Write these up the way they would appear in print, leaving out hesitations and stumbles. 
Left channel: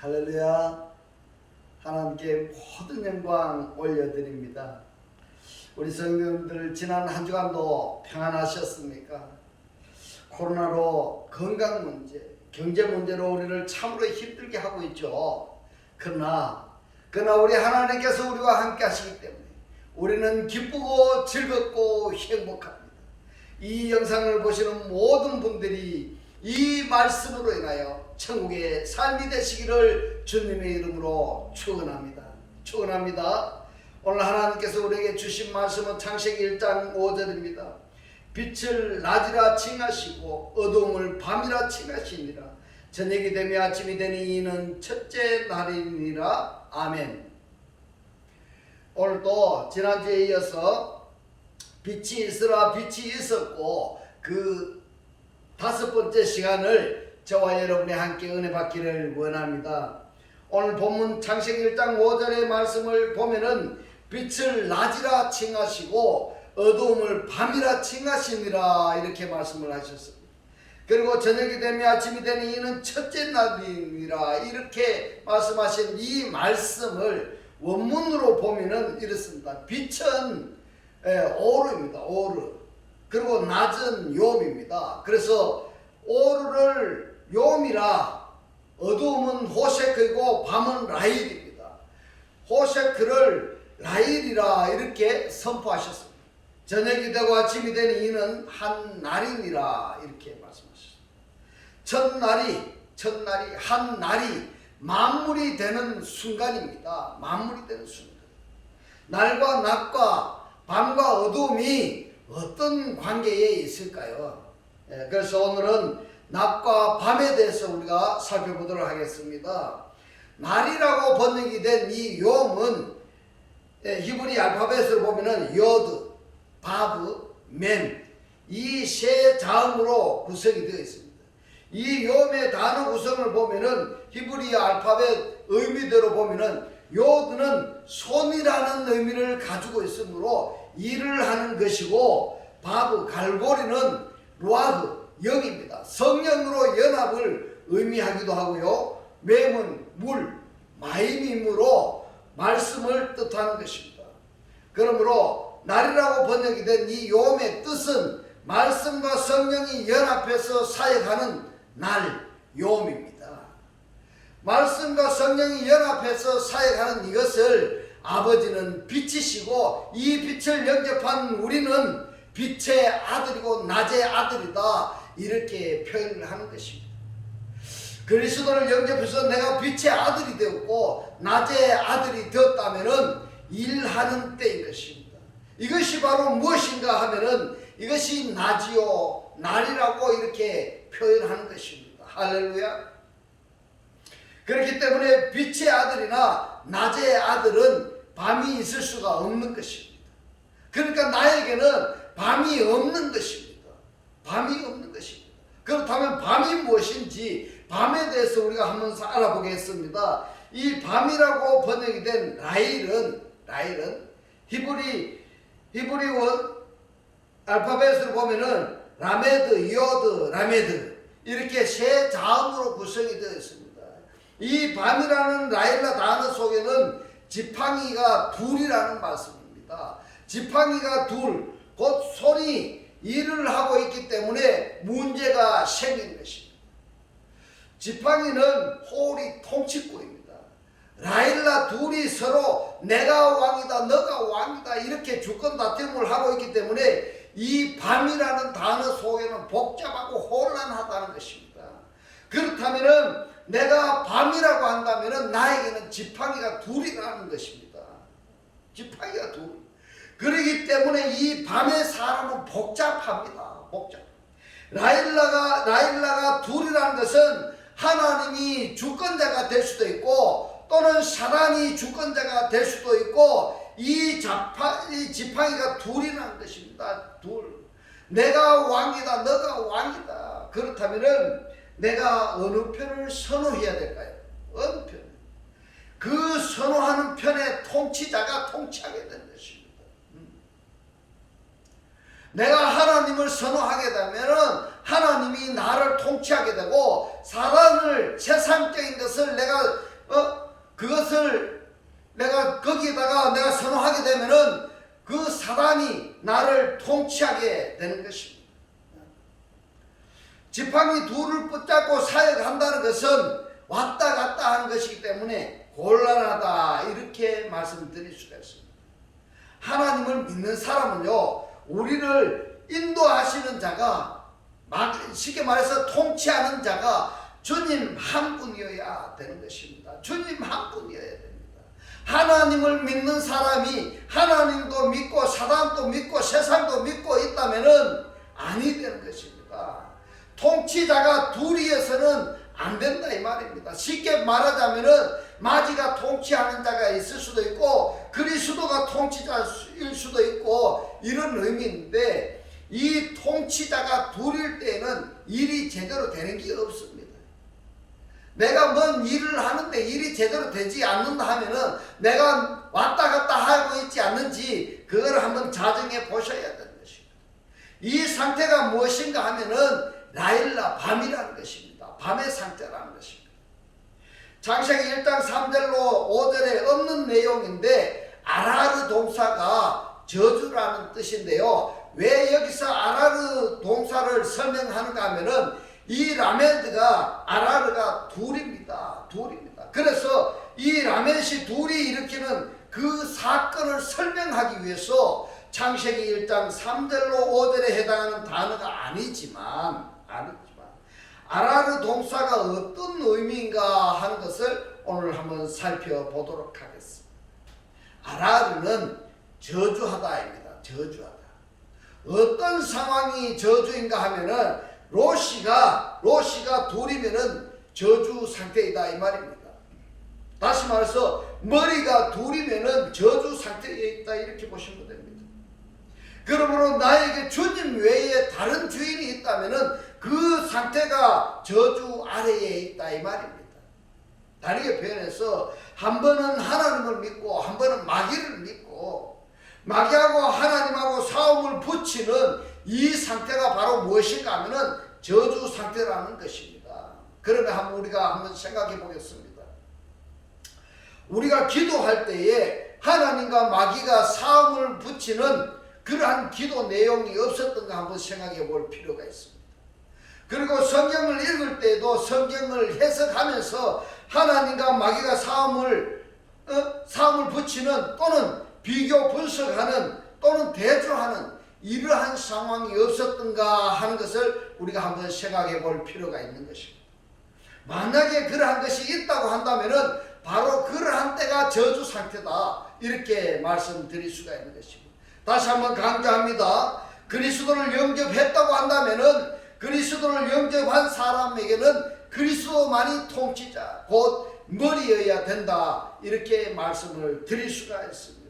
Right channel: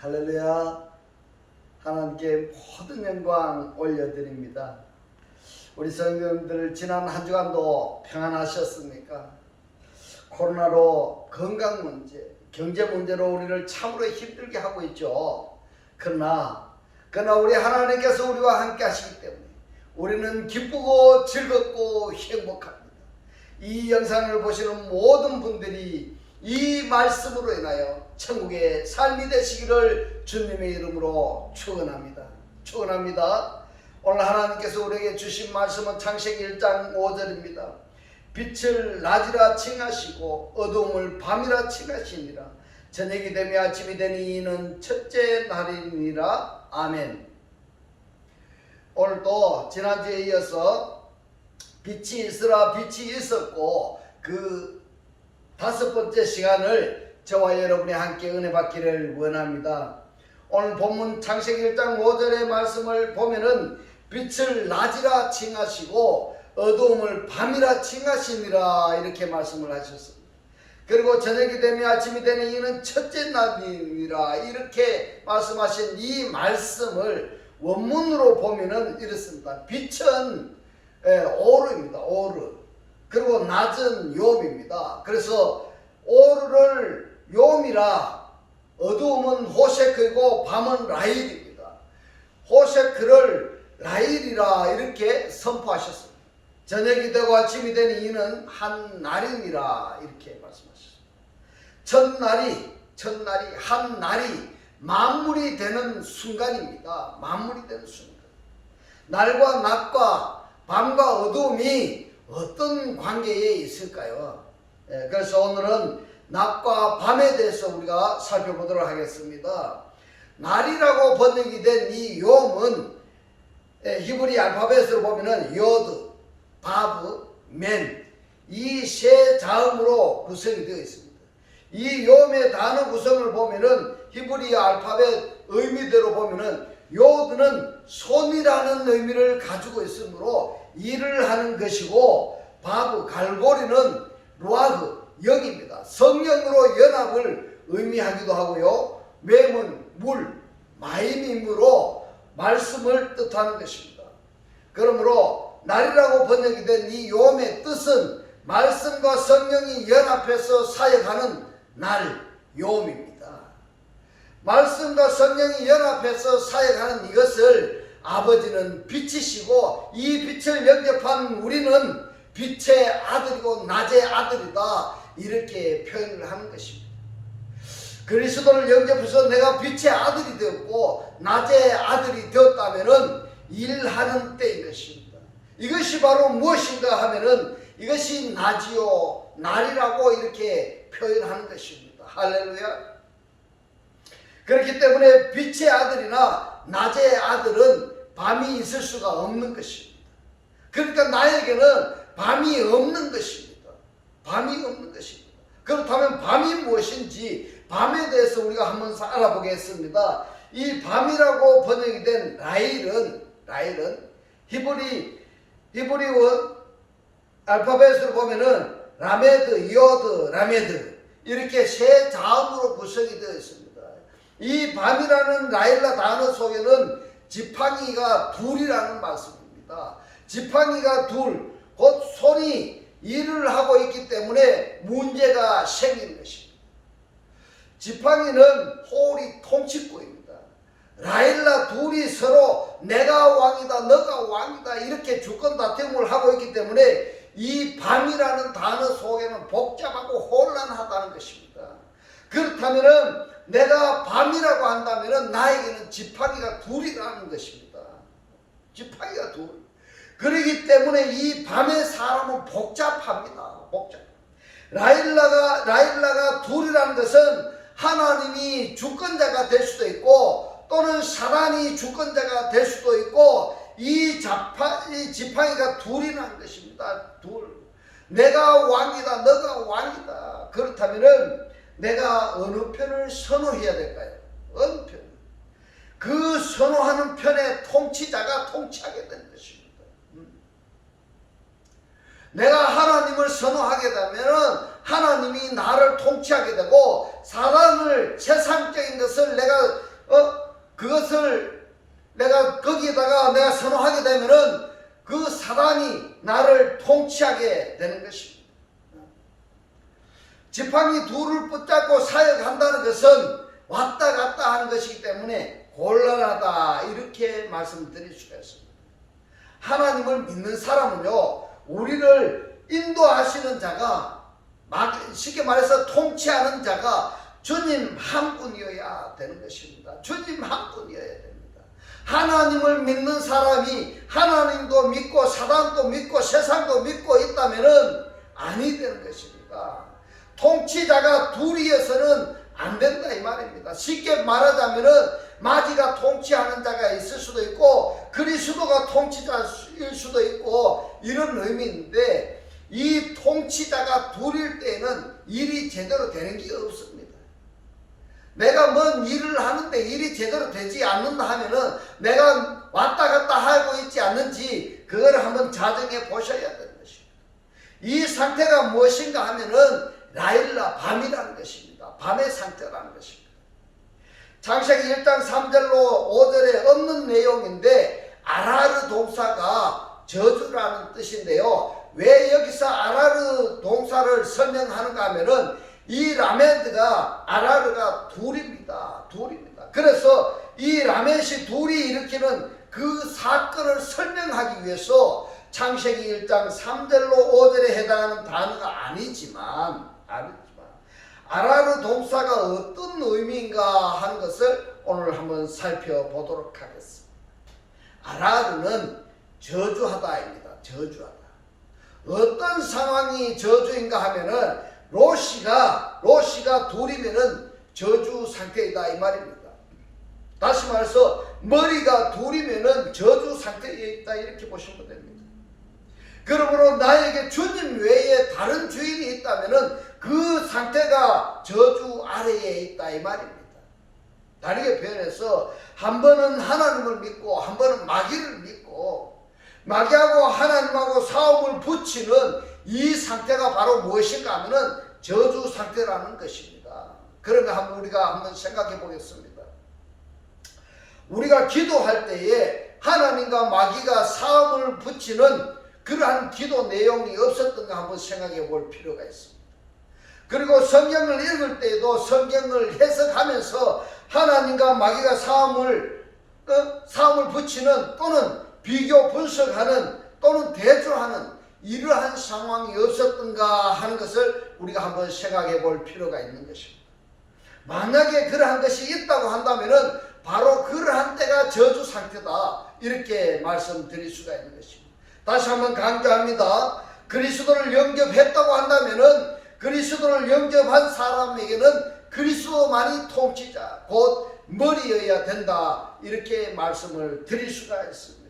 할렐루야. 하나님께 모든 영광 올려드립니다. 우리 성도님들 지난 한 주간도 평안하셨습니까? 코로나로 건강 문제, 경제 문제로 우리를 참으로 힘들게 하고 있죠. 그러나 우리 하나님께서 우리와 함께 하시기 때문에 우리는 기쁘고 즐겁고 행복합니다. 이 영상을 보시는 모든 분들이 이 말씀으로 인하여 천국의 삶이 되시기를 주님의 이름으로 축원합니다. 오늘 하나님께서 우리에게 주신 말씀은 창세기 1장 5절입니다. 빛을 낮이라 칭하시고 어두움을 밤이라 칭하시니라. 저녁이 되며 아침이 되니 이는 첫째 날이니라. 아멘. 오늘도 지난주에 이어서 빛이 있으라 빛이 있었고 그 다섯 번째 시간을 저와 여러분이 함께 은혜 받기를 원합니다. 오늘 본문 창세기 1장 5절의 말씀을 보면은 빛을 낮이라 칭하시고 어두움을 밤이라 칭하시니라 이렇게 말씀을 하셨습니다. 그리고 저녁이 되며 아침이 되니 이는 첫째 날이니라 이렇게 말씀하신 이 말씀을 원문으로 보면은 이렇습니다. 빛은 오르입니다. 오르. 그리고 낮은 욤입니다. 그래서 오르를 욤이라, 어두움은 호셰크이고 밤은 라일입니다. 호셰크를 라일이라 이렇게 선포하셨습니다. 저녁이 되고 아침이 되니 이는 한 날이니라 이렇게 말씀하셨습니다. 첫날이 한 날이 만물이 되는 순간입니다. 만물이 되는 순간. 날과 낮과 밤과 어두움이 어떤 관계에 있을까요? 그래서 오늘은 낮과 밤에 대해서 우리가 살펴보도록 하겠습니다. 날이라고 번역이 된 이 욤은 히브리 알파벳으로 보면은 요드, 바브, 멘 이 세 자음으로 구성이 되어 있습니다. 이 욤의 단어 구성을 보면은 히브리 알파벳 의미대로 보면은 요드는 손이라는 의미를 가지고 있으므로 일을 하는 것이고, 바브, 갈고리는 루아흐, 영입니다. 성령으로 연합을 의미하기도 하고요. 맴은 물, 마임이므로 말씀을 뜻하는 것입니다. 그러므로 날이라고 번역이 된 이 욤의 뜻은 말씀과 성령이 연합해서 사역하는 날, 욤입니다. 말씀과 성령이 연합해서 사역하는 이것을 아버지는 빛이시고 이 빛을 영접한 우리는 빛의 아들이고 낮의 아들이다 이렇게 표현을 하는 것입니다. 그리스도를 영접해서 내가 빛의 아들이 되었고 낮의 아들이 되었다면은 일하는 때인 것입니다. 이것이 바로 무엇인가 하면은 이것이 낮이요 날이라고 이렇게 표현하는 것입니다. 할렐루야. 그렇기 때문에 빛의 아들이나 낮의 아들은 밤이 있을 수가 없는 것입니다. 그러니까 나에게는 밤이 없는 것입니다. 밤이 없는 것입니다. 그렇다면 밤이 무엇인지 밤에 대해서 우리가 한번 알아보겠습니다. 이 밤이라고 번역이 된 라일은 히브리 알파벳으로 보면은 라메드, 요드, 라메드 이렇게 세 자음으로 구성이 되어 있습니다. 이 밤이라는 라일라 단어 속에는 지팡이가 둘이라는 말씀입니다. 지팡이가 둘, 곧 손이 일을 하고 있기 때문에 문제가 생기는 것입니다. 지팡이는 홀이 통치구입니다. 라일라 둘이 서로 내가 왕이다 너가 왕이다 이렇게 주권 다툼을 하고 있기 때문에 이 밤이라는 단어 속에는 복잡하고 혼란하다는 것입니다. 그렇다면은 내가 밤이라고 한다면은 나에게는 지팡이가 둘이라는 것입니다. 지팡이가 둘. 그렇기 때문에 이 밤의 사람은 복잡합니다. 라일라가 둘이라는 것은 하나님이 주권자가 될 수도 있고 또는 사단이 주권자가 될 수도 있고 이 지팡이가 둘이라는 것입니다. 둘. 내가 왕이다 너가 왕이다. 그렇다면은 내가 어느 편을 선호해야 될까요? 어느 편? 그 선호하는 편의 통치자가 통치하게 되는 것입니다. 내가 하나님을 선호하게 되면 하나님이 나를 통치하게 되고 사단을 세상적인 것을 그것을 내가 거기에다가 내가 선호하게 되면은 그 사단이 나를 통치하게 되는 것입니다. 지팡이 둘을 붙잡고 사역한다는 것은 왔다 갔다 하는 것이기 때문에 곤란하다 이렇게 말씀드릴 수가 있습니다. 하나님을 믿는 사람은요, 우리를 인도하시는 자가, 쉽게 말해서 통치하는 자가 주님 한 분이어야 되는 것입니다. 주님 한 분이어야 됩니다. 하나님을 믿는 사람이 하나님도 믿고 사단도 믿고 세상도 믿고 있다면은 아니 되는 것입니다. 통치자가 둘이어서는 안 된다 이 말입니다. 쉽게 말하자면은 마귀가 통치하는 자가 있을 수도 있고 그리스도가 통치자일 수도 있고 이런 의미인데, 이 통치자가 둘일 때에는 일이 제대로 되는 게 없습니다. 내가 뭔 일을 하는데 일이 제대로 되지 않는다 하면은 내가 왔다 갔다 하고 있지 않는지 그걸 한번 자정해 보셔야 되는 것입니다. 이 상태가 무엇인가 하면은 라일라, 밤이라는 것입니다. 밤의 상태라는 것입니다. 창세기 1장 3절로 5절에 없는 내용인데 아라르 동사가 저주라는 뜻인데요. 왜 여기서 아라르 동사를 설명하는가 하면은 이 라메드가 아라르가 둘입니다. 그래서 이 라멧이 둘이 일으키는 그 사건을 설명하기 위해서 창세기 1장 3절로 5절에 해당하는 단어가 아니지만 아라르 동사가 어떤 의미인가 하는 것을 오늘 한번 살펴보도록 하겠습니다. 아라르는 저주하다입니다. 저주하다. 어떤 상황이 저주인가 하면은 로시가 둘이면은 저주 상태이다 이 말입니다. 다시 말해서 머리가 둘이면은 저주 상태에 있다 이렇게 보시면 됩니다. 그러므로 나에게 주님 외에 다른 주인이 있다면은 그 상태가 저주 아래에 있다 이 말입니다. 다르게 표현해서 한 번은 하나님을 믿고 한 번은 마귀를 믿고 마귀하고 하나님하고 싸움을 붙이는 이 상태가 바로 무엇인가 하면은 저주 상태라는 것입니다. 그러면 우리가 한번 생각해 보겠습니다. 우리가 기도할 때에 하나님과 마귀가 싸움을 붙이는 그러한 기도 내용이 없었던가 한번 생각해 볼 필요가 있습니다. 그리고 성경을 읽을 때에도 성경을 해석하면서 하나님과 마귀가 싸움을 붙이는 또는 비교 분석하는 또는 대조하는 이러한 상황이 없었던가 하는 것을 우리가 한번 생각해 볼 필요가 있는 것입니다. 만약에 그러한 것이 있다고 한다면은 바로 그러한 때가 저주 상태다 이렇게 말씀드릴 수가 있는 것입니다. 다시 한번 강조합니다. 그리스도를 영접했다고 한다면은 그리스도를 영접한 사람에게는 그리스도만이 통치자 곧 머리여야 된다 이렇게 말씀을 드릴 수가 있습니다.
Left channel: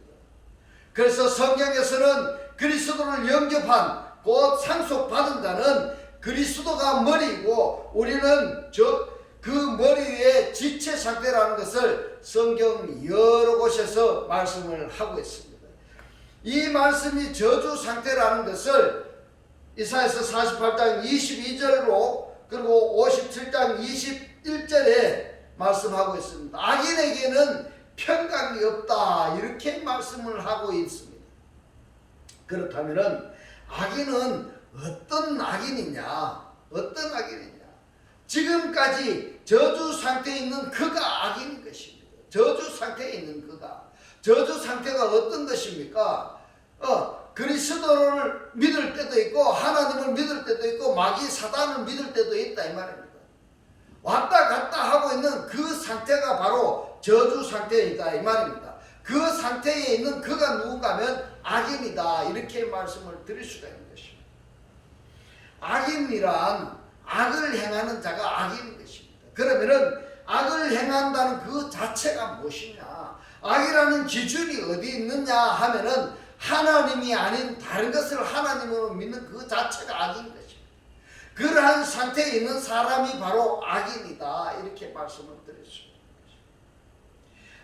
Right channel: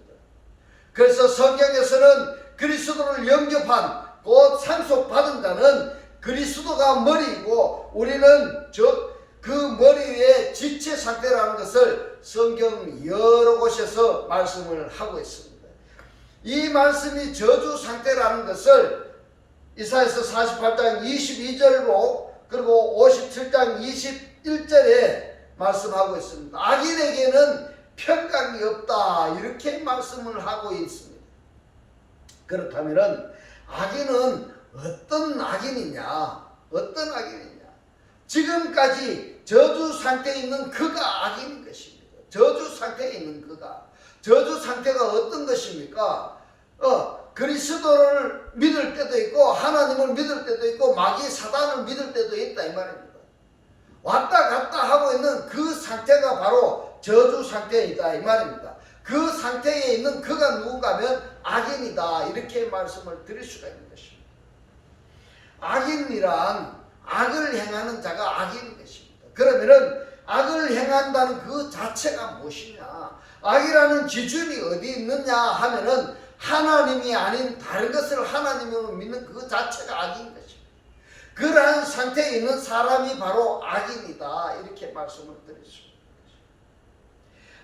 그래서 성경에서는 그리스도를 영접한 곧 상속받은 자는 그리스도가 머리이고 우리는 그 머리의 지체 상태라는 것을 성경 여러 곳에서 말씀을 하고 있습니다. 이 말씀이 저주 상태라는 것을 이사야서 48장 22절로 그리고 57장 21절에 말씀하고 있습니다. 악인에게는 평강이 없다 이렇게 말씀을 하고 있습니다. 그렇다면 악인은 어떤 악인이냐? 지금까지 저주 상태에 있는 그가 악인인 것입니다. 저주 상태에 있는 그가. 저주 상태가 어떤 것입니까? 그리스도를 믿을 때도 있고 하나님을 믿을 때도 있고 마귀 사단을 믿을 때도 있다 이 말입니다. 왔다 갔다 하고 있는 그 상태가 바로 저주 상태이다 이 말입니다. 그 상태에 있는 그가 누군가 하면 악인이다 이렇게 말씀을 드릴 수가 있는 것입니다. 악인이란 악을 행하는 자가 악인인 것입니다. 그러면은 악을 행한다는 그 자체가 무엇이냐? 악이라는 기준이 어디 있느냐 하면은 하나님이 아닌 다른 것을 하나님으로 믿는 그 자체가 악인 것입니다. 그러한 상태에 있는 사람이 바로 악인이다 이렇게 말씀을 드렸습니다.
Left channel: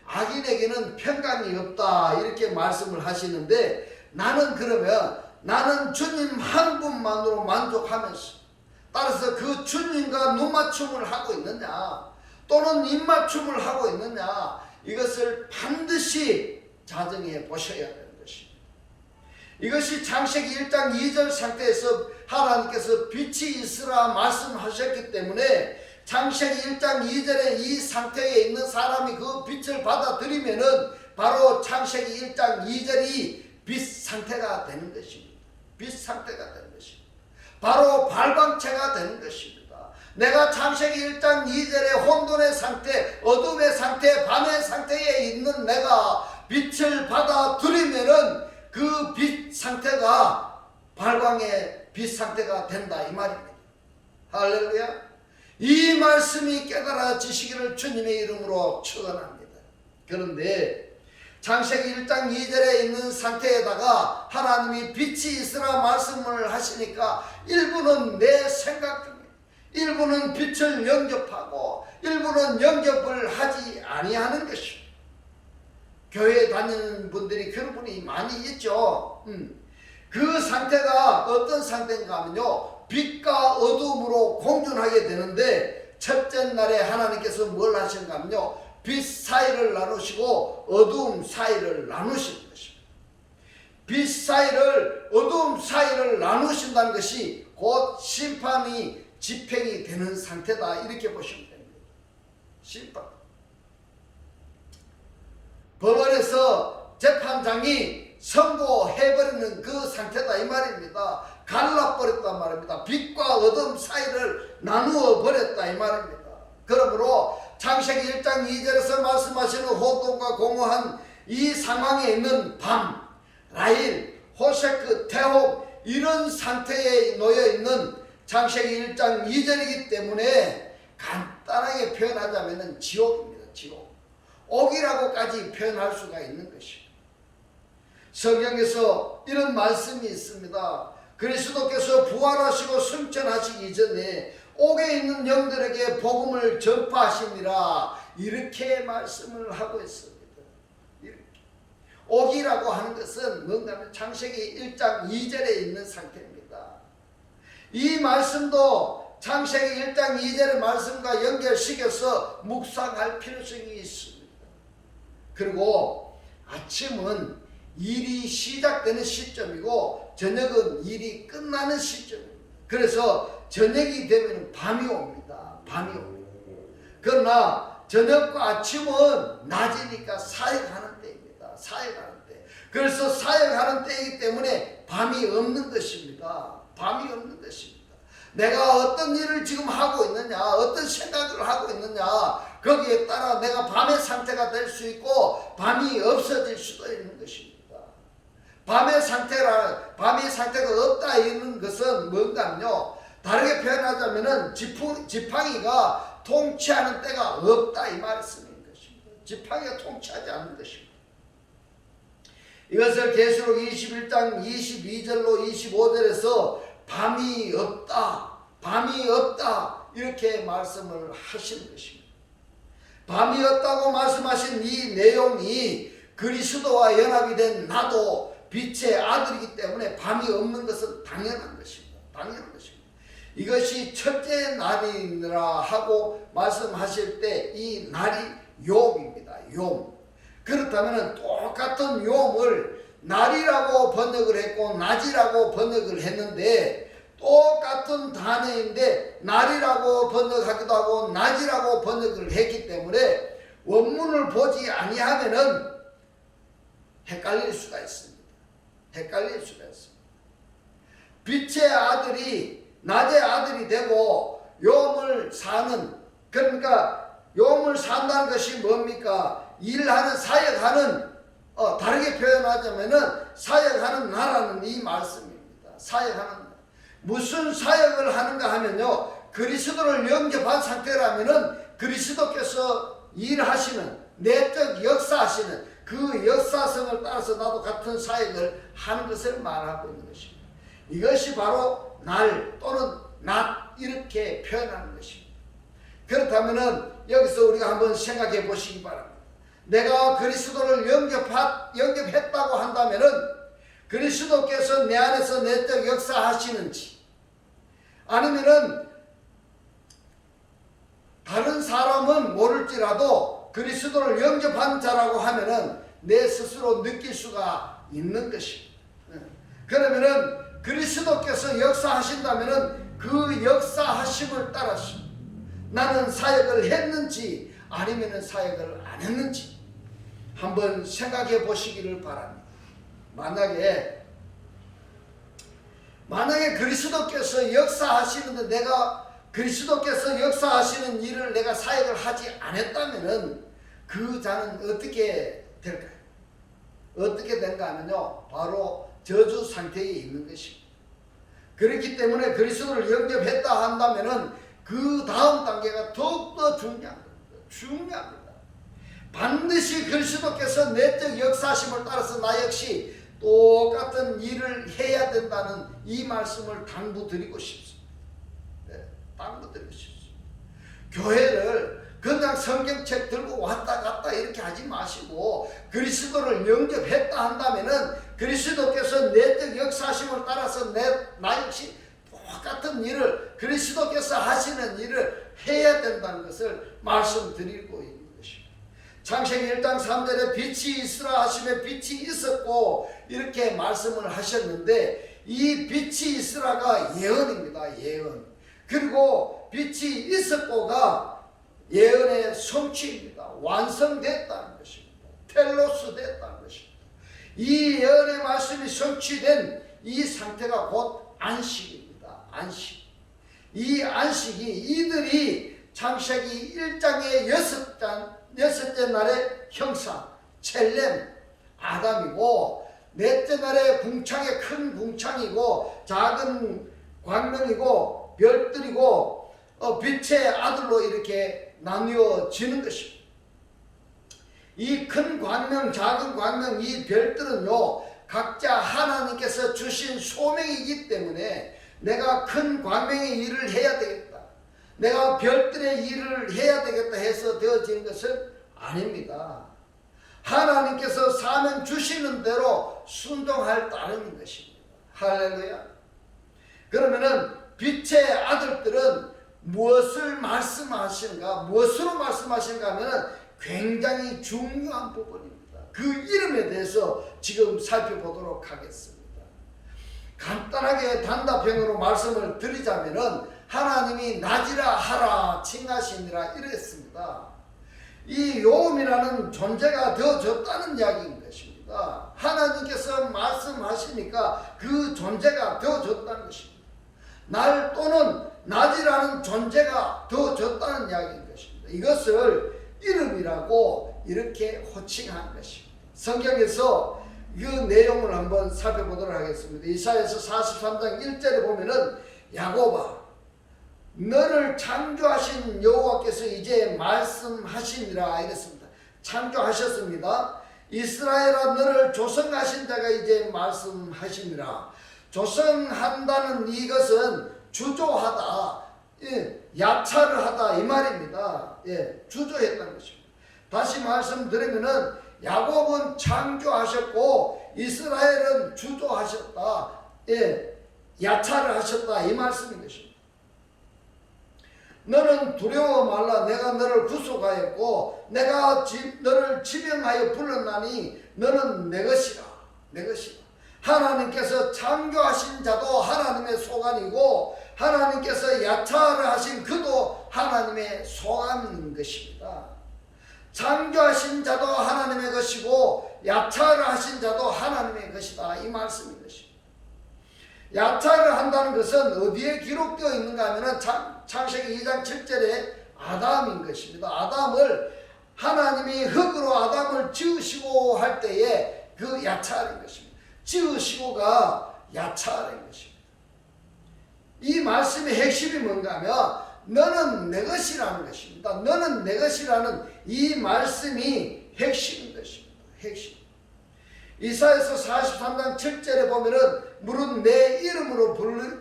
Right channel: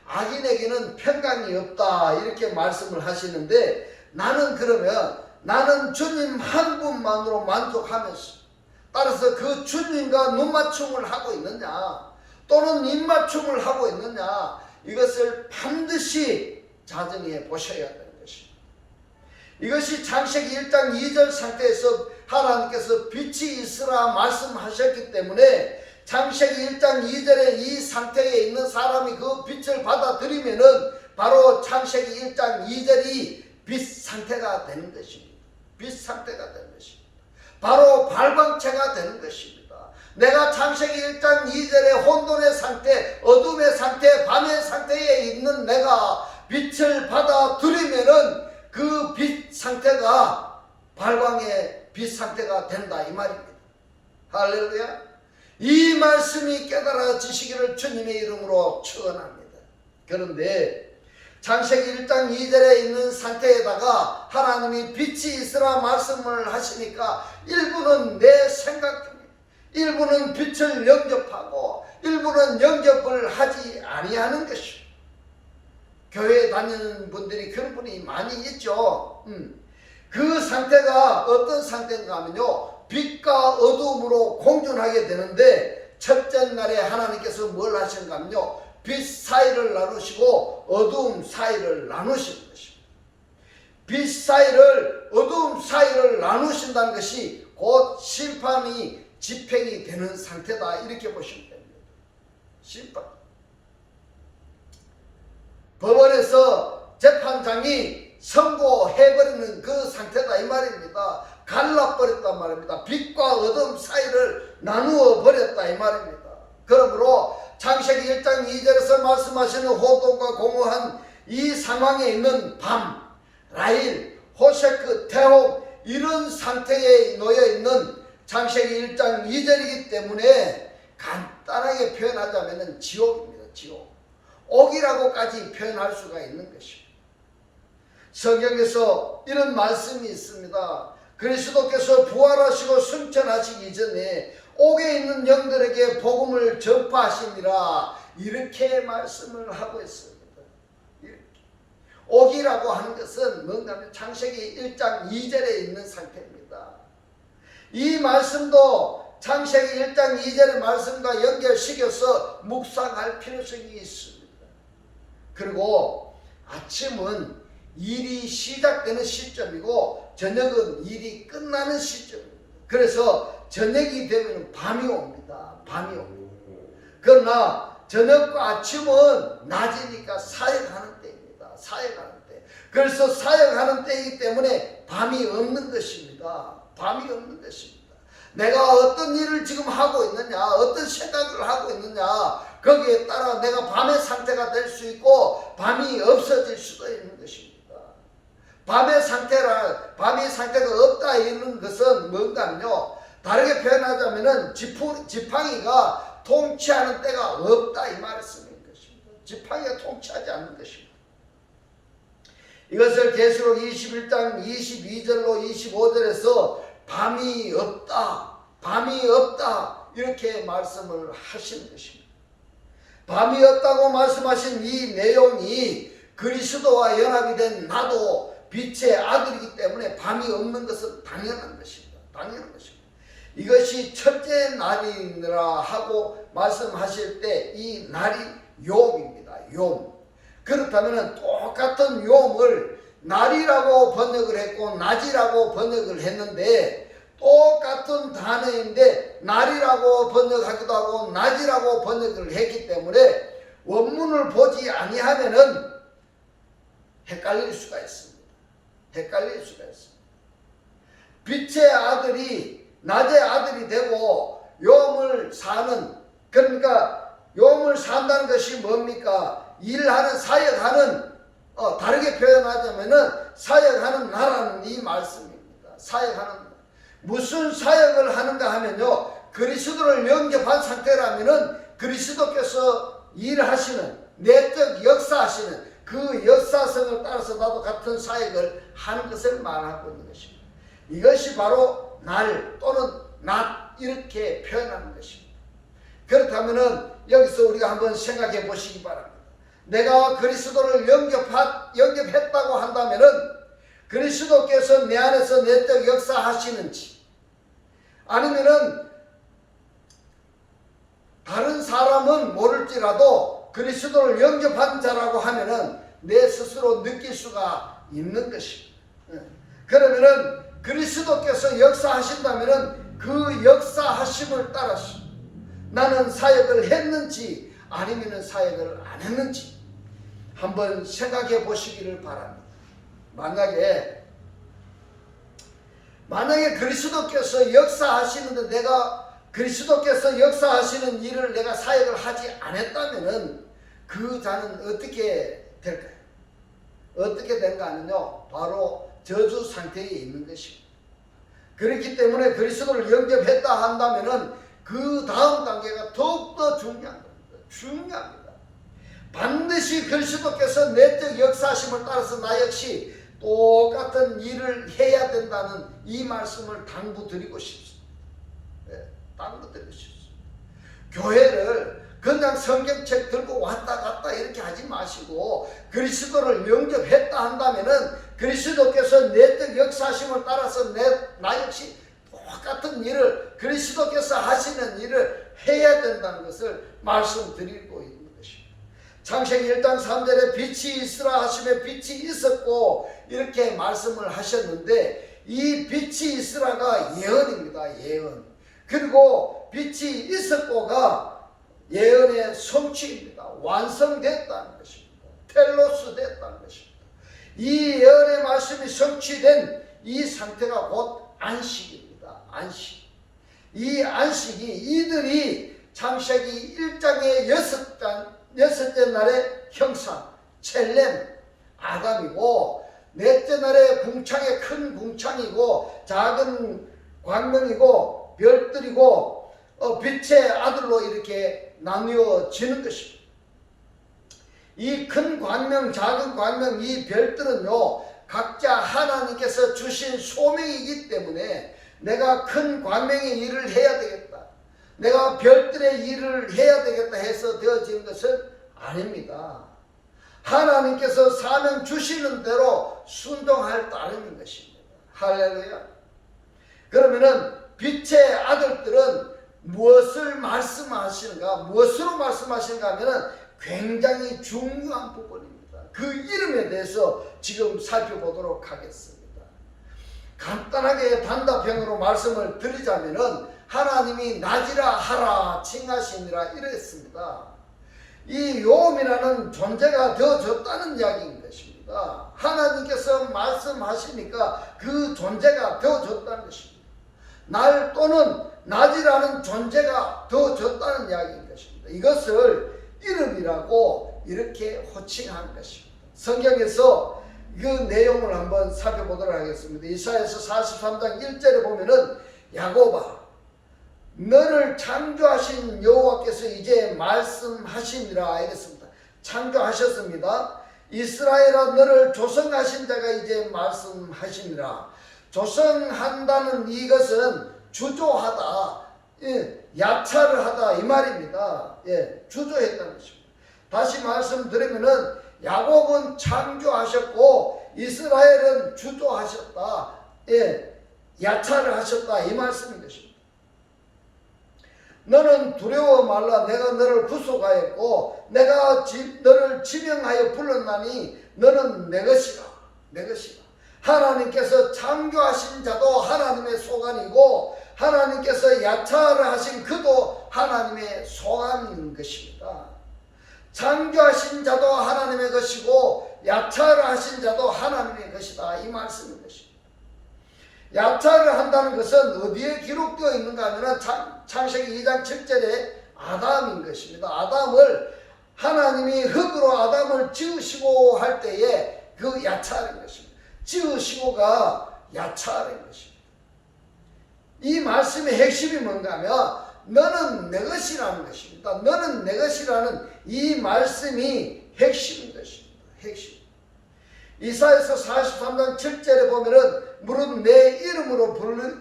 악인에게는 평강이 없다 이렇게 말씀을 하시는데 나는 주님 한 분만으로 만족하면서 따라서 그 주님과 눈맞춤을 하고 있느냐 또는 입맞춤을 하고 있느냐 이것을 반드시 자정해 보셔야 되는 것입니다. 이것이 창세기 1장 2절 상태에서 하나님께서 빛이 있으라 말씀하셨기 때문에 창세기 1장 2절에 이 상태에 있는 사람이 그 빛을 받아들이면은 바로 창세기 1장 2절이 빛 상태가 되는 것입니다. 빛 상태가 되는 것입니다. 바로 발광체가 되는 것입니다. 내가 창세기 1장 2절의 혼돈의 상태, 어둠의 상태, 밤의 상태에 있는 내가 빛을 받아들이면은 그 빛 상태가 발광의 빛 상태가 된다 이 말입니다. 할렐루야. 이 말씀이 깨달아지시기를 주님의 이름으로 축원합니다. 그런데 창세기 1장 2절에 있는 상태에다가 하나님이 빛이 있으라 말씀을 하시니까 일부는 내 생각 중에 일부는 빛을 영접하고 일부는 영접을 하지 아니하는 것입니다. 교회에 다니는 분들이 그런 분이 많이 있죠. 그 상태가 어떤 상태인가 하면요 빛과 어둠으로 공존하게 되는데 첫째 날에 하나님께서 뭘 하신가 하면요 빛 사이를 나누시고 어두움 사이를 나누시는 것입니다. 빛 사이를 어두움 사이를 나누신다는 것이 곧 심판이 집행이 되는 상태다 이렇게 보시면 됩니다. 심판. 법원에서 재판장이 선고해버리는 그 상태다 이 말입니다. 갈라버렸단 말입니다. 빛과 어둠 사이를 나누어 버렸다 이 말입니다. 그러므로 창세기 1장 2절에서 말씀하시는 혼돈과 공허한 이 상황에 있는 밤, 라일, 호세크, 태홍 이런 상태에 놓여 있는 창세기 1장 2절이기 때문에 간단하게 표현하자면 지옥입니다. 지옥. 옥이라고까지 표현할 수가 있는 것입니다. 성경에서 이런 말씀이 있습니다. 그리스도께서 부활하시고 승천하시기 전에 옥에 있는 영들에게 복음을 전파하시니라 이렇게 말씀을 하고 있습니다. 이렇게. 옥이라고 하는 것은 뭔가 하면 창세기 1장 2절에 있는 상태입니다. 이 말씀도 창세기 1장 2절의 말씀과 연결시켜서 묵상할 필요성이 있습니다. 그리고 아침은 일이 시작되는 시점이고 저녁은 일이 끝나는 시점입니다. 그래서 저녁이 되면 밤이 옵니다. 밤이 옵니다. 그러나 저녁과 아침은 낮이니까 사역하는 때입니다. 사역하는 때. 그래서 사역하는 때이기 때문에 밤이 없는 것입니다. 밤이 없는 것입니다. 내가 어떤 일을 지금 하고 있느냐, 어떤 생각을 하고 있느냐, 거기에 따라 내가 밤의 상태가 될 수 있고 밤이 없어질 수도 있는 것입니다. 밤의 상태가 없다 이런 것은 뭔가요? 다르게 표현하자면은 지팡이가 통치하는 때가 없다 이 말씀인 것입니다. 지팡이가 통치하지 않는 것입니다. 이것을 계시록 21장 22절로 25절에서 밤이 없다, 밤이 없다 이렇게 말씀을 하시는 것입니다. 밤이 없다고 말씀하신 이 내용이 그리스도와 연합이 된 나도 빛의 아들이기 때문에 밤이 없는 것은 당연한 것입니다. 당연한 것입니다. 이것이 첫째 날이니라 하고 말씀하실 때 이 날이 욤입니다. 욤. 그렇다면 똑같은 욤을 날이라고 번역을 했고 낮이라고 번역을 했는데 똑같은 단어인데 날이라고 번역하기도 하고 낮이라고 번역을 했기 때문에 원문을 보지 아니하면은 헷갈릴 수가 있습니다. 헷갈릴 수가 있습니다. 빛의 아들이 낮의 아들이 되고 욤을 사는, 그러니까 욤을 산다는 것이 뭡니까? 일하는, 사역하는, 다르게 표현하자면은 사역하는 나라는 이 말씀입니다. 사역하는, 무슨 사역을 하는가 하면요, 그리스도를 영접한 상태라면은 그리스도께서 일하시는, 내적 역사하시는 그 역사성을 따라서 나도 같은 사역을 하는 것을 말하고 있는 것입니다. 이것이 바로 날 또는 낮 이렇게 표현하는 것입니다. 그렇다면은 여기서 우리가 한번 생각해 보시기 바랍니다. 내가 그리스도를 영접했다고 한다면은 그리스도께서 내 안에서 내적 역사하시는지, 아니면은 다른 사람은 모를지라도 그리스도를 영접한 자라고 하면은 내 스스로 느낄 수가 있는 것입니다. 그러면은 그리스도께서 역사하신다면은 그 역사하심을 따라서 나는 사역을 했는지 아니면은 사역을 안 했는지 한번 생각해 보시기를 바랍니다. 만약에 그리스도께서 역사하시는데 내가 그리스도께서 역사하시는 일을 내가 사역을 하지 않았다면은 그 자는 어떻게 될까요? 어떻게 된가 하면요, 바로 저주 상태에 있는 것입니다. 그렇기 때문에 그리스도를 영접했다 한다면은 그 다음 단계가 더욱더 중요한 겁니다. 중요합니다. 반드시 그리스도께서 내적 역사하심을 따라서 나 역시 똑같은 일을 해야 된다는 이 말씀을 당부드리고 싶습니다. 당부드리고 싶습니다. 교회를 그냥 성경책 들고 왔다 갔다 이렇게 하지 마시고 그리스도를 영접했다 한다면은 그리스도께서 내적 역사하심을 따라서 나 역시 똑같은 일을 그리스도께서 하시는 일을 해야 된다는 것을 말씀드리고 있는 것입니다. 창세기 1장 3절에 빛이 있으라 하시며 빛이 있었고 이렇게 말씀을 하셨는데 이 빛이 있으라가 예언입니다. 예언. 그리고 빛이 있었고가 예언의 성취입니다. 완성됐다는 것입니다. 텔로스 됐다는 것입니다. 이 예언의 말씀이 성취된 이 상태가 곧 안식입니다. 안식. 이 안식이 이들이 창세기 1장의 여섯째 날의 형상 첼렘 아담이고 넷째 날의 궁창의 큰 궁창이고 작은 광명이고 별들이고 빛의 아들로 이렇게 나뉘어지는 것입니다. 이 큰 광명, 작은 광명, 이 별들은요 각자 하나님께서 주신 소명이기 때문에 내가 큰 광명의 일을 해야 되겠다, 내가 별들의 일을 해야 되겠다 해서 되어지는 것은 아닙니다. 하나님께서 사명 주시는 대로 순종할 따름인 것입니다. 할렐루야. 그러면은 빛의 아들들은 무엇을 말씀하시는가, 무엇으로 말씀하시는가 하면은 굉장히 중요한 부분입니다. 그 이름에 대해서 지금 살펴보도록 하겠습니다. 간단하게 단답형으로 말씀을 드리자면은 하나님이 낮이라 하라 칭하시니라 이랬습니다. 이 요음이라는 존재가 되어졌다는 이야기인 것입니다. 하나님께서 말씀하시니까 그 존재가 되어졌다는 것입니다. 날 또는 낮이라는 존재가 되어졌다는 이야기인 것입니다. 이것을 이름이라고 이렇게 호칭한 것입니다. 성경에서 그 내용을 한번 살펴보도록 하겠습니다. 이사야서 43장 1절에 보면은 야곱아 너를 창조하신 여호와께서 이제 말씀하시니라 이랬습니다. 창조하셨습니다. 이스라엘아 너를 조성하신 자가 이제 말씀하시니라. 조성한다는 이것은 주조하다, 야차를 하다 이 말입니다. 주조했다는 것입니다. 다시 말씀드리면은 야곱은 창조하셨고 이스라엘은 주조하셨다, 야차를 하셨다 이 말씀인 것입니다. 너는 두려워 말라. 내가 너를 구속하였고 내가 너를 지명하여 불렀나니 너는 내 것이라. 내 것이라. 하나님께서 창조하신 자도 하나님의 소관이고 하나님께서 야차를 하신 그도 하나님의 소관인 것입니다. 창조하신 자도 하나님의 것이고 야차를 하신 자도 하나님의 것이다 이 말씀인 것입니다. 야차를 한다는 것은 어디에 기록되어 있는가 하면 창세기 2장 7절에 아담인 것입니다. 아담을 하나님이 흙으로 아담을 지으시고 할 때에 그 야차하는 것입니다. 지으시고가 야차하는 것입니다. 이 말씀의 핵심이 뭔가 하면 너는 내 것이라는 것입니다. 너는 내 것이라는 이 말씀이 핵심인 것입니다. 핵심. 이사야서 43장 7절에 보면은 물은 내 이름으로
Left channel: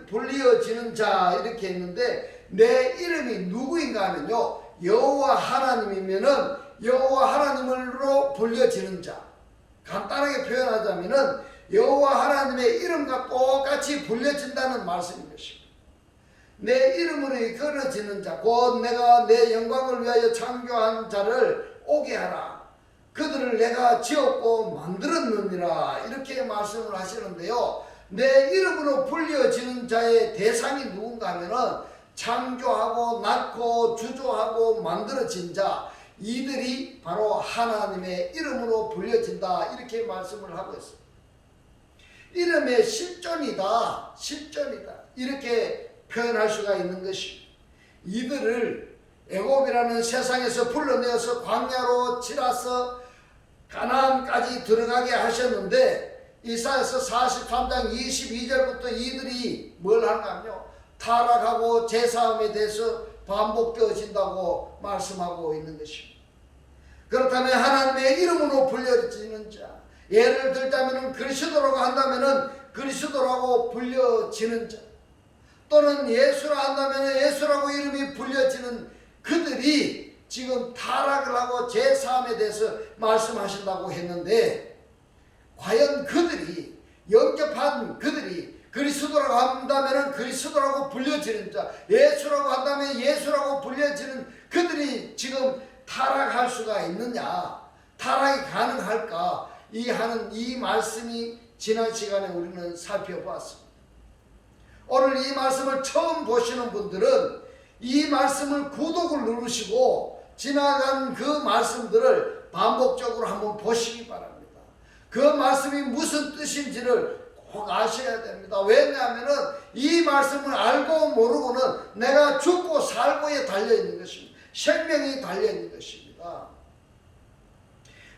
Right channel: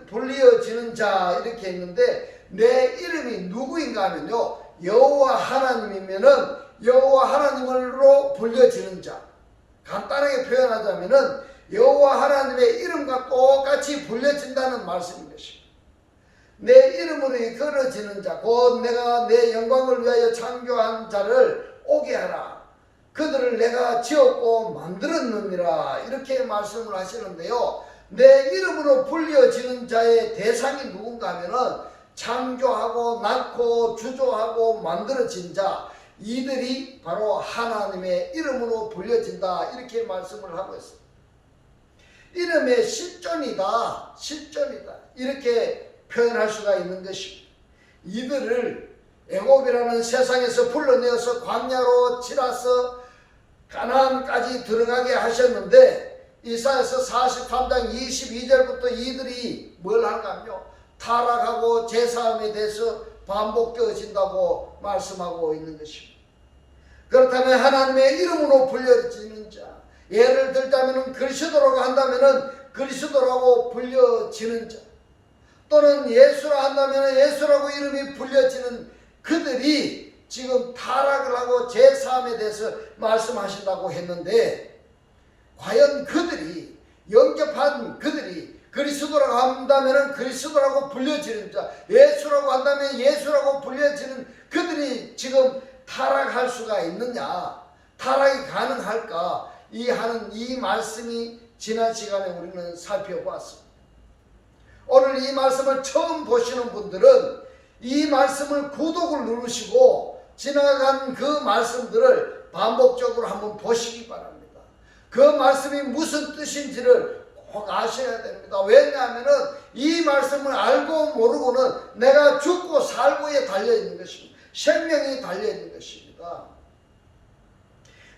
불리어지는 자 이렇게 했는데 내 이름이 누구인가 하면요 여호와 하나님이면은 여호와 하나님으로 불려지는 자, 간단하게 표현하자면은 여호와 하나님의 이름과 똑같이 불려진다는 말씀인 것입니다. 내 이름으로 걸어지는 자 곧 내가 내 영광을 위하여 창조한 자를 오게 하라. 그들을 내가 지었고 만들었느니라. 이렇게 말씀을 하시는데요. 내 이름으로 불려지는 자의 대상이 누군가 하면은 창조하고 낳고 주조하고 만들어진 자, 이들이 바로 하나님의 이름으로 불려진다. 이렇게 말씀을 하고 있습니다. 이름의 실존이다. 실존이다. 이렇게 표현할 수가 있는 것입니다. 이들을 애굽이라는 세상에서 불러내어서 광야로 치라서 가나안까지 들어가게 하셨는데 이사야서 43장 22절부터 이들이 뭘 하는가 하며 타락하고 제사함에 대해서 반복되어진다고 말씀하고 있는 것입니다. 그렇다면 하나님의 이름으로 불려지는 자, 예를 들자면 그리스도라고 한다면 그리스도라고 불려지는 자, 또는 예수라 한다면 예수라고 이름이 불려지는 그들이 지금 타락을 하고 제사함에 대해서 말씀하신다고 했는데, 과연 그들이 영접한 그들이 그리스도라고 한다면 그리스도라고 불려지는 자, 예수라고 한다면 예수라고 불려지는 그들이 지금 타락할 수가 있느냐, 타락이 가능할까, 이 말씀이 지난 시간에 우리는 살펴보았습니다. 오늘 이 말씀을 처음 보시는 분들은 이 말씀을 구독을 누르시고 지나간 그 말씀들을 반복적으로 한번 보시기 바랍니다. 그 말씀이 무슨 뜻인지를 꼭 아셔야 됩니다. 왜냐하면 이 말씀을 알고 모르고는 내가 죽고 살고에 달려있는 것입니다. 생명이 달려있는 것입니다.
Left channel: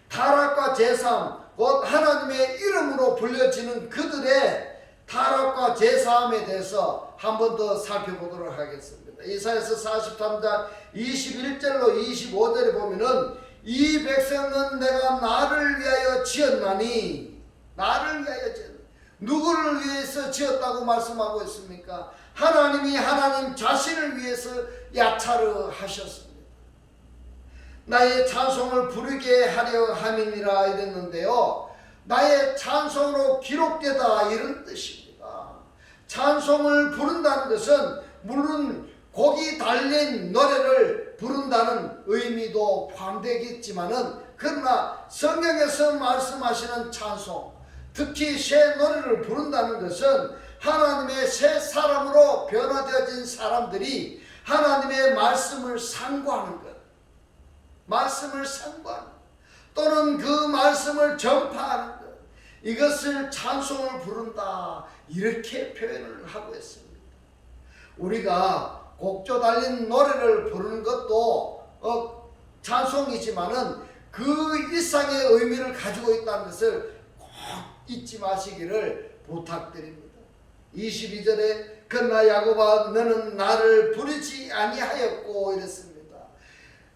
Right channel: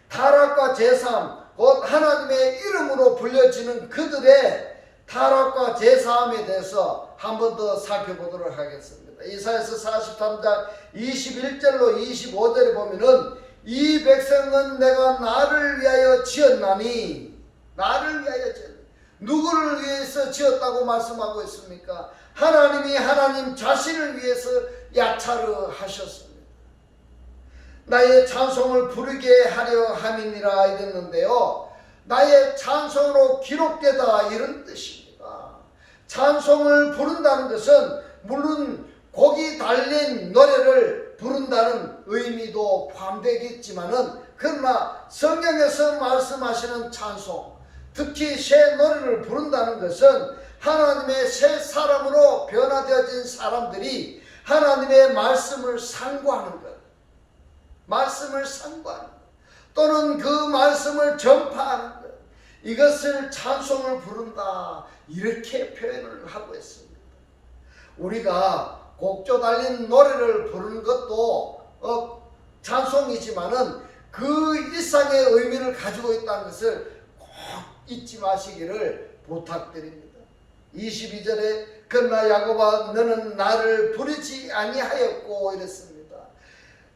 타락과 제사함, 곧 하나님의 이름으로 불려지는 그들의 타락과 제사함에 대해서 한 번 더 살펴보도록 하겠습니다. 이사야서 43장 21절로 25절에 보면은 이 백성은 내가 나를 위하여 지었나니, 나를 위하여 지었나니, 누구를 위해서 지었다고 말씀하고 있습니까? 하나님이 하나님 자신을 위해서 야차를 하셨습니다. 나의 찬송을 부르게 하려 함이니라 이랬는데요, 나의 찬송으로 기록되다 이런 뜻입니다. 찬송을 부른다는 것은 물론 곡이 달린 노래를 부른다는 의미도 포함되겠지만은, 그러나 성경에서 말씀하시는 찬송, 특히 새 노래를 부른다는 것은 하나님의 새 사람으로 변화되어진 사람들이 하나님의 말씀을 상고하는 것, 말씀을 상고하는 것, 또는 그 말씀을 전파하는 것, 이것을 찬송을 부른다 이렇게 표현을 하고 있습니다. 우리가 곡조 달린 노래를 부르는 것도 찬송이지만은 그 일상의 의미를 가지고 있다는 것을 꼭 잊지 마시기를 부탁드립니다. 22절에 그러나 야곱아 너는 나를 부르지 아니하였고 이랬습니다.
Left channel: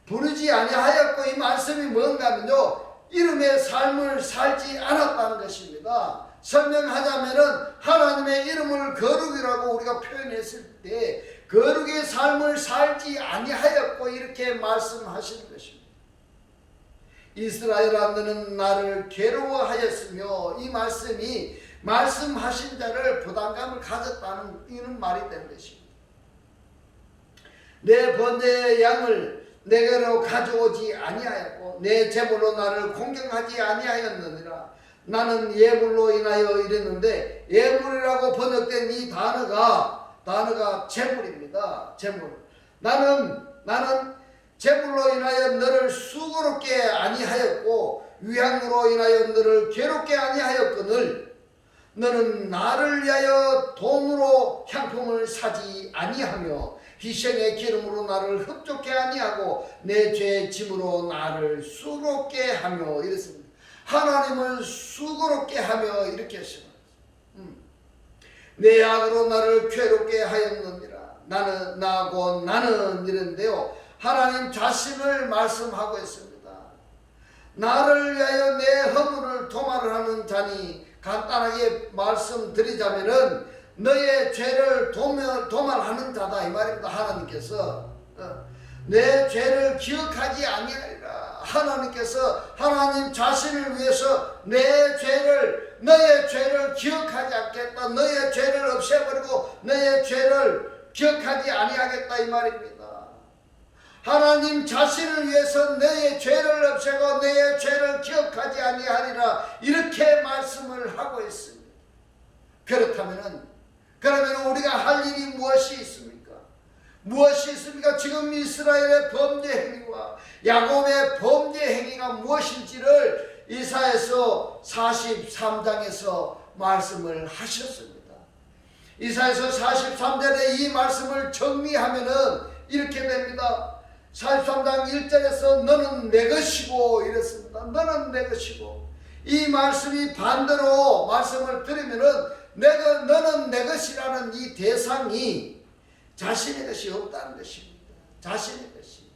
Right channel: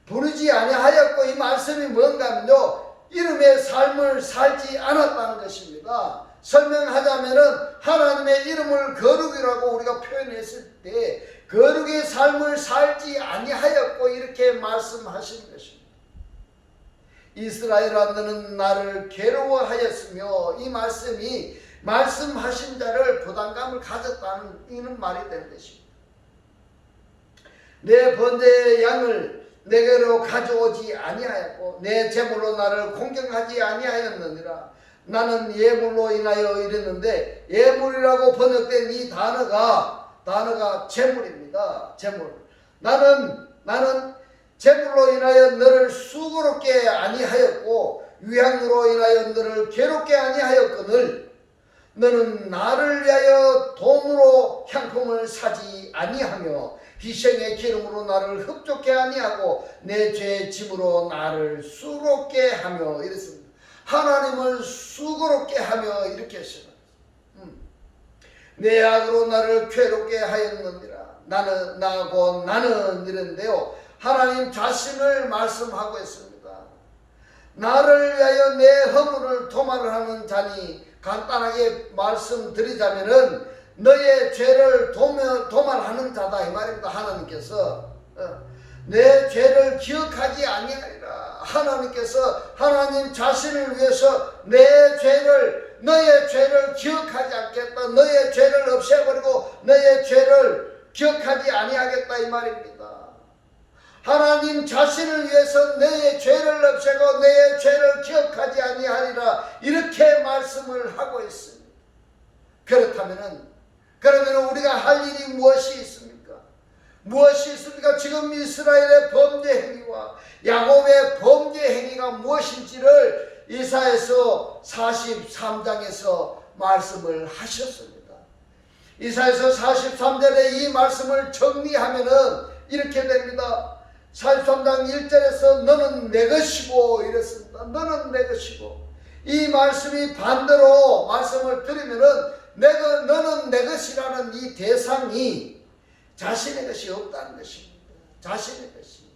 부르지 아니하였고, 이 말씀이 뭔가 하면요, 이름의 삶을 살지 않았다는 것입니다. 설명하자면은 하나님의 이름을 거룩이라고 우리가 표현했을 때 거룩의 삶을 살지 아니하였고 이렇게 말씀하시는 것입니다. 이스라엘아 너는 나를 괴로워하였으며, 이 말씀이 말씀하신 자를 부담감을 가졌다는 이런 말이 되는 것입니다. 내 번제의 양을 내게로 가져오지 아니하였고 내 제물로 나를 공경하지 아니하였느니라. 나는 예물로 인하여 이랬는데, 예물이라고 번역된 이 단어가 제물입니다. 제물. 나는 제물로 인하여 너를 수고롭게 아니하였고 위향으로 인하여 너를 괴롭게 아니하였거늘 너는 나를 위하여 돈으로 향품을 사지 아니하며 희생의 기름으로 나를 흡족해 아니하고 내 죄의 짐으로 나를 수고롭게 하며 이랬습니다. 하나님을 수고롭게 하며 이렇게 했습니다. 내 악으로 나를 괴롭게 하였느니라. 나는 이랬는데요, 하나님 자신을 말씀하고 있습니다. 나를 위하여 내 허물을 도말을 하는 자니, 간단하게 말씀드리자면은 너의 죄를 도말하는 자다 이 말입니다. 하나님께서 내 죄를 기억하지 아니하리라. 하나님께서 하나님 자신을 위해서 너의 죄를 기억하지 않겠다, 너의 죄를 없애버리고 너의 죄를 기억하지 아니하겠다 이 말입니다. 하나님 자신을 위해서 너의 죄를 없애고 너의 죄를 기억하지 아니하리라 이렇게 말씀을 하고 있습니다. 그러면 우리가 할 일이 무엇이 있습니까? 무엇이 있습니까? 지금 이스라엘의 범죄 행위와 야곱의 범죄 행위가 무엇인지를 이사야서 43장에서 말씀을 하셨습니다. 이사야서 43절에 이 말씀을 정리하면은 이렇게 됩니다. 43장 1절에서 너는 내 것이고 이랬습니다. 너는 내 것이고, 이 말씀이 반대로 말씀을 들으면은 너는 내 것이라는 이 대상이 자신의 것이 없다는 것입니다. 자신의 것이.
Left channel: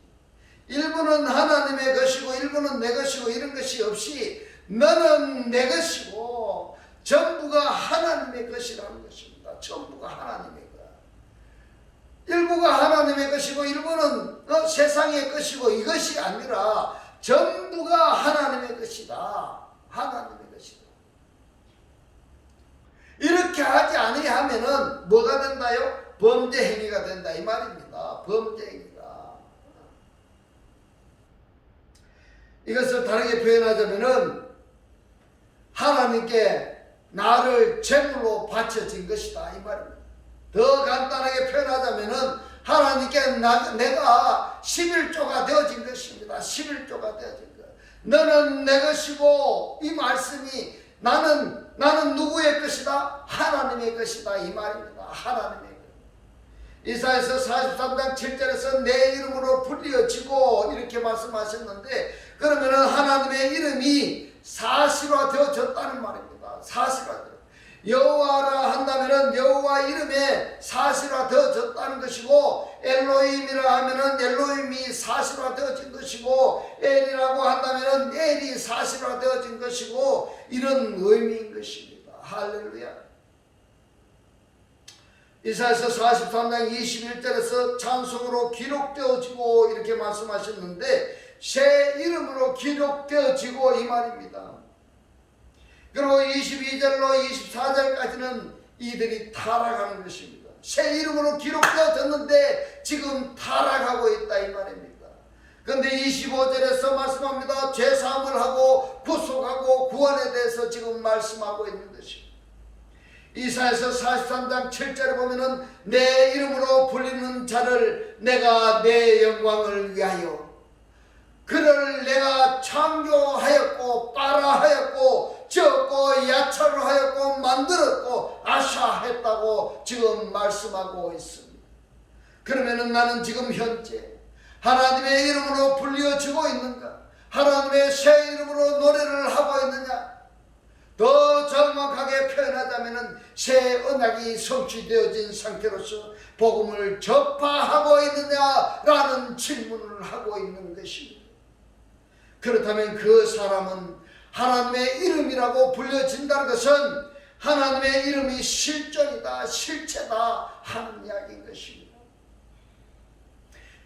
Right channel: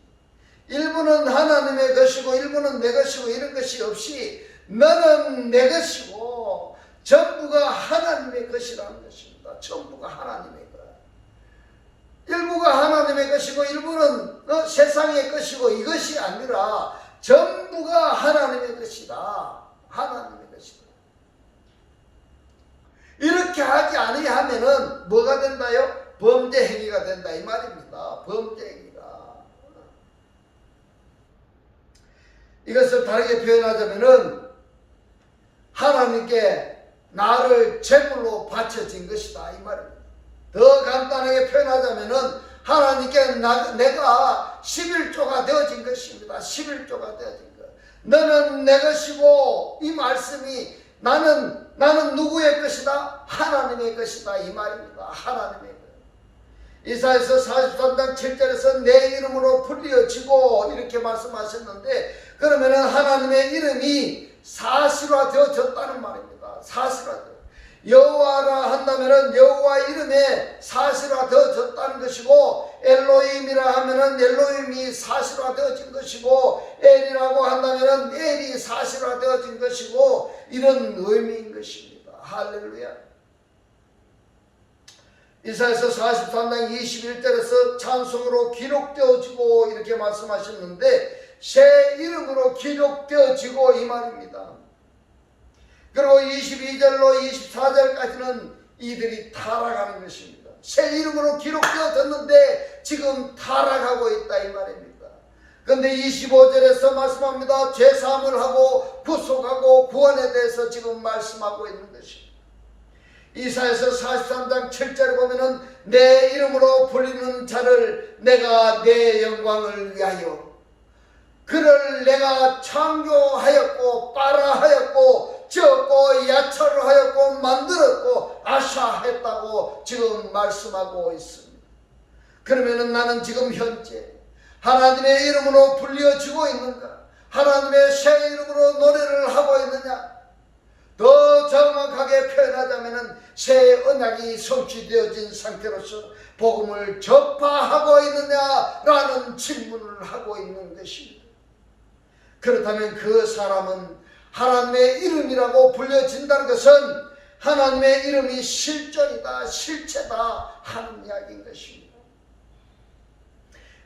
일부는 하나님의 것이고 일부는 내 것이고 이런 것이 없이 너는 내 것이고 전부가 하나님의 것이라는 것입니다. 전부가 하나님의 것. 일부가 하나님의 것이고 일부는 세상의 것이고 이것이 아니라 전부가 하나님의 것이다. 하나님의 것이다. 이렇게 하지 아니하면은 뭐가 된다요? 범죄 행위가 된다 이 말입니다. 범죄 행위가. 이것을 다르게 표현하자면은 하나님께 나를 제물로 바쳐진 것이다 이 말입니다. 더 간단하게 표현하자면은 하나님께 내가 11조가 되어진 것입니다. 11조가 되어진 것. 너는 내 것이고, 이 말씀이 나는 누구의 것이다? 하나님의 것이다 이 말입니다. 하나님의 것. 이사야서 43장 7절에서 내 이름으로 불리어지고 이렇게 말씀하셨는데, 그러면은 하나님의 이름이 사실화되어졌다는 말입니다. 사실화되어. 여호와라 한다면은 여호와 이름에 사실화되어졌다는 것이고, 엘로힘이라 하면은 엘로힘이 사실화되어진 것이고, 엘이라고 한다면은 엘이 사실화되어진 것이고, 이런 의미인 것입니다. 할렐루야. 이사야서 43장 21절에서 찬송으로 기록되어지고 이렇게 말씀하셨는데, 새 이름으로 기록되어지고 이 말입니다. 그리고 22절로 24절까지는 이들이 타락하는 것입니다. 새 이름으로 기록되어졌는데 지금 타락하고 있다 이 말입니다. 그런데 25절에서 말씀합니다. 죄사함을 하고 구속하고 구원에 대해서 지금 말씀하고 있는 것입니다. 이사야서 43장 7절에 보면은 내 이름으로 불리는 자를 내가 내 영광을 위하여 그를 내가 창조하였고 빨아하였고 지었고 야차를 하였고 만들었고 아샤했다고 지금 말씀하고 있습니다. 그러면은 나는 지금 현재 하나님의 이름으로 불려지고 있는가? 하나님의 새 이름으로 노래를 하고 있느냐? 더 정확하게 표현하자면은 새 언약이 성취되어진 상태로서 복음을 전파하고 있느냐라는 질문을 하고 있는 것입니다. 그렇다면 그 사람은 하나님의 이름이라고 불려진다는 것은 하나님의 이름이 실존이다, 실체다 하는 이야기인 것입니다.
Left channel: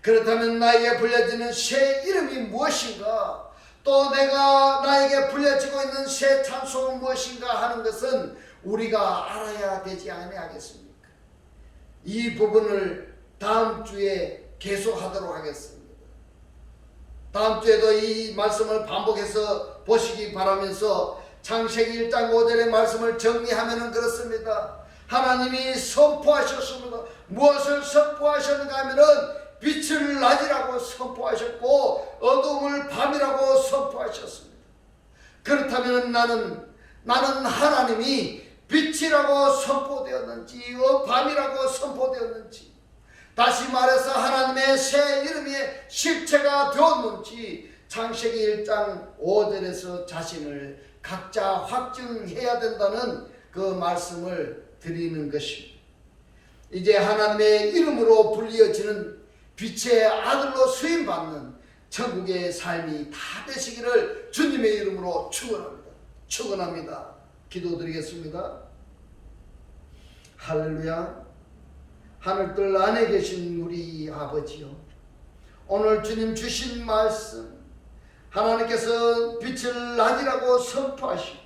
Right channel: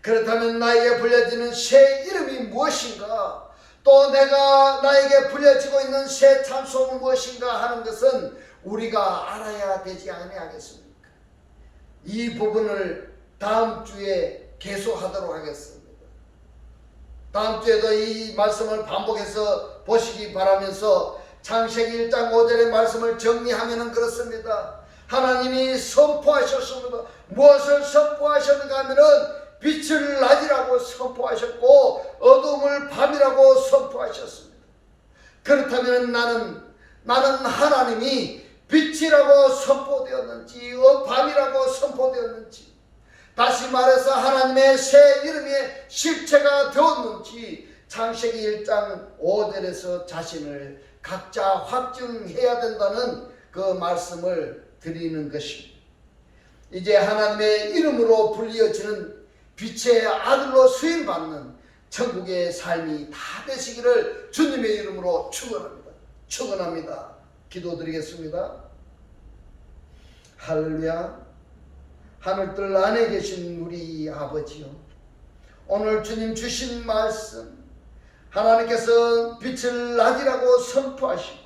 그렇다면 나에게 불려지는 새 이름이 무엇인가? 또 내가 나에게 불려지고 있는 새 찬송은 무엇인가 하는 것은 우리가 알아야 되지 아니하겠습니까? 이 부분을 다음 주에 계속하도록 하겠습니다. 다음 주에도 이 말씀을 반복해서 보시기 바라면서 창세기 1장 5절의 말씀을 정리하면 그렇습니다. 하나님이 선포하셨습니다. 무엇을 선포하셨는가 하면은 빛을 낮이라고 선포하셨고 어둠을 밤이라고 선포하셨습니다. 그렇다면 나는 하나님이 빛이라고 선포되었는지 밤이라고 선포되었는지, 다시 말해서 하나님의 새 이름의 실체가 되었는지 창세기 1장 5절에서 자신을 각자 확증해야 된다는 그 말씀을 드리는 것입니다. 이제 하나님의 이름으로 불리어지는 빛의 아들로 수임받는 천국의 삶이 다 되시기를 주님의 이름으로 축원합니다. 축원합니다. 기도드리겠습니다. 할렐루야. 하늘들 안에 계신 우리 아버지요, 오늘 주님 주신 말씀, 하나님께서 빛을 낮이라고 선포하시고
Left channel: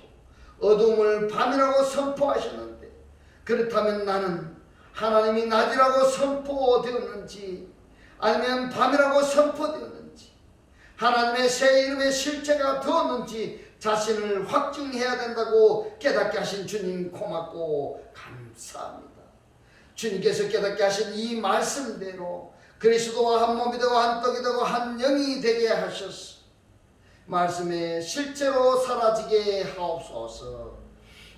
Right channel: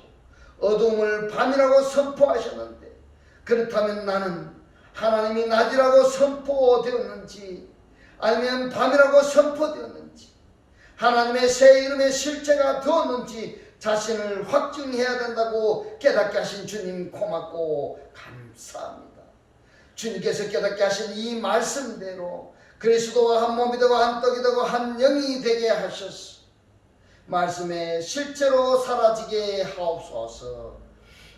어둠을 밤이라고 선포하셨는데, 그렇다면 나는 하나님이 낮이라고 선포되었는지 아니면 밤이라고 선포되었는지 하나님의 새 이름의 실체가 되었는지 자신을 확증해야 된다고 깨닫게 하신 주님 고맙고 감사합니다. 주님께서 깨닫게 하신 이 말씀대로 그리스도와 한 몸이 되고 한 떡이 되고 한 영이 되게 하셔서 말씀에 실제로 사라지게 하옵소서.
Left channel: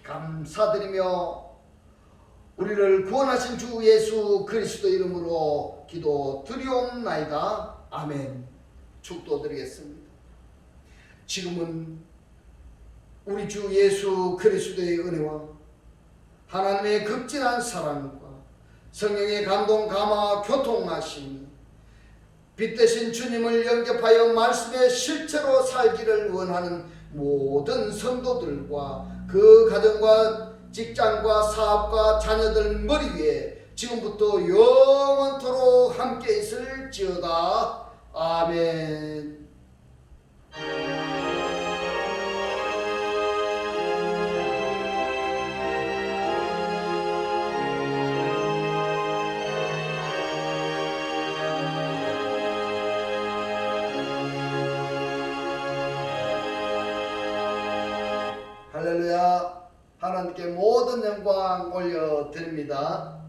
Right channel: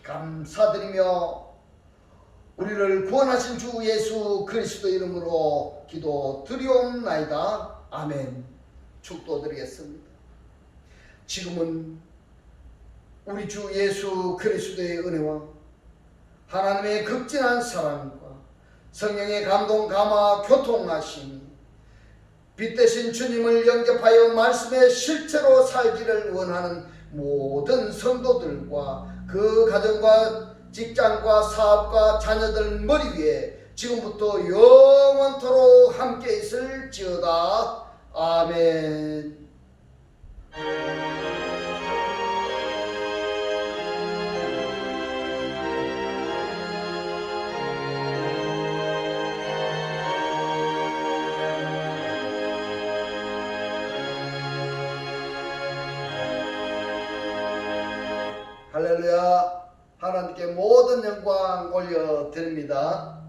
감사드리며 우리를 구원하신 주 예수 그리스도 이름으로 기도드리옵나이다. 아멘. 축도드리겠습니다. 지금은 우리 주 예수 그리스도의 은혜와 하나님의 극진한 사랑과 성령의 감동 감화 교통하심이 빛 대신 주님을 영접하여 말씀의 실체로 살기를 원하는 모든 성도들과 그 가정과 직장과 사업과 자녀들 머리 위에 지금부터 영원토록 함께 있을지어다. 아멘. 할렐루야. 하나님께 모든 영광 올려드립니다.